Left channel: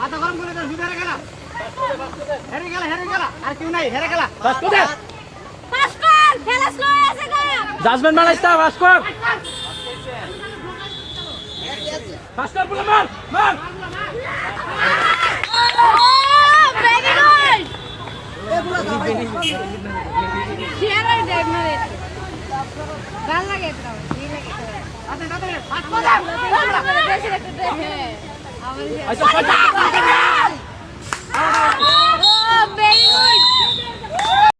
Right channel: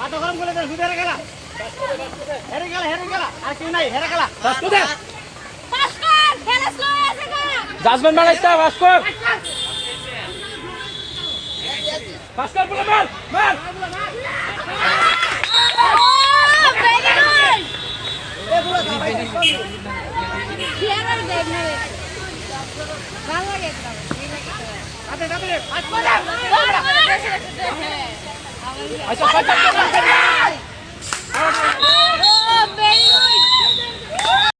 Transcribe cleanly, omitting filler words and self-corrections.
মাথা গরম করে হেরে গেল আর কেউ নাই হেরে গেল জাজমেন্ট বানাইতা ভাস্কর ভাস্কর বলে মার ভালো লাগে আচ্ছা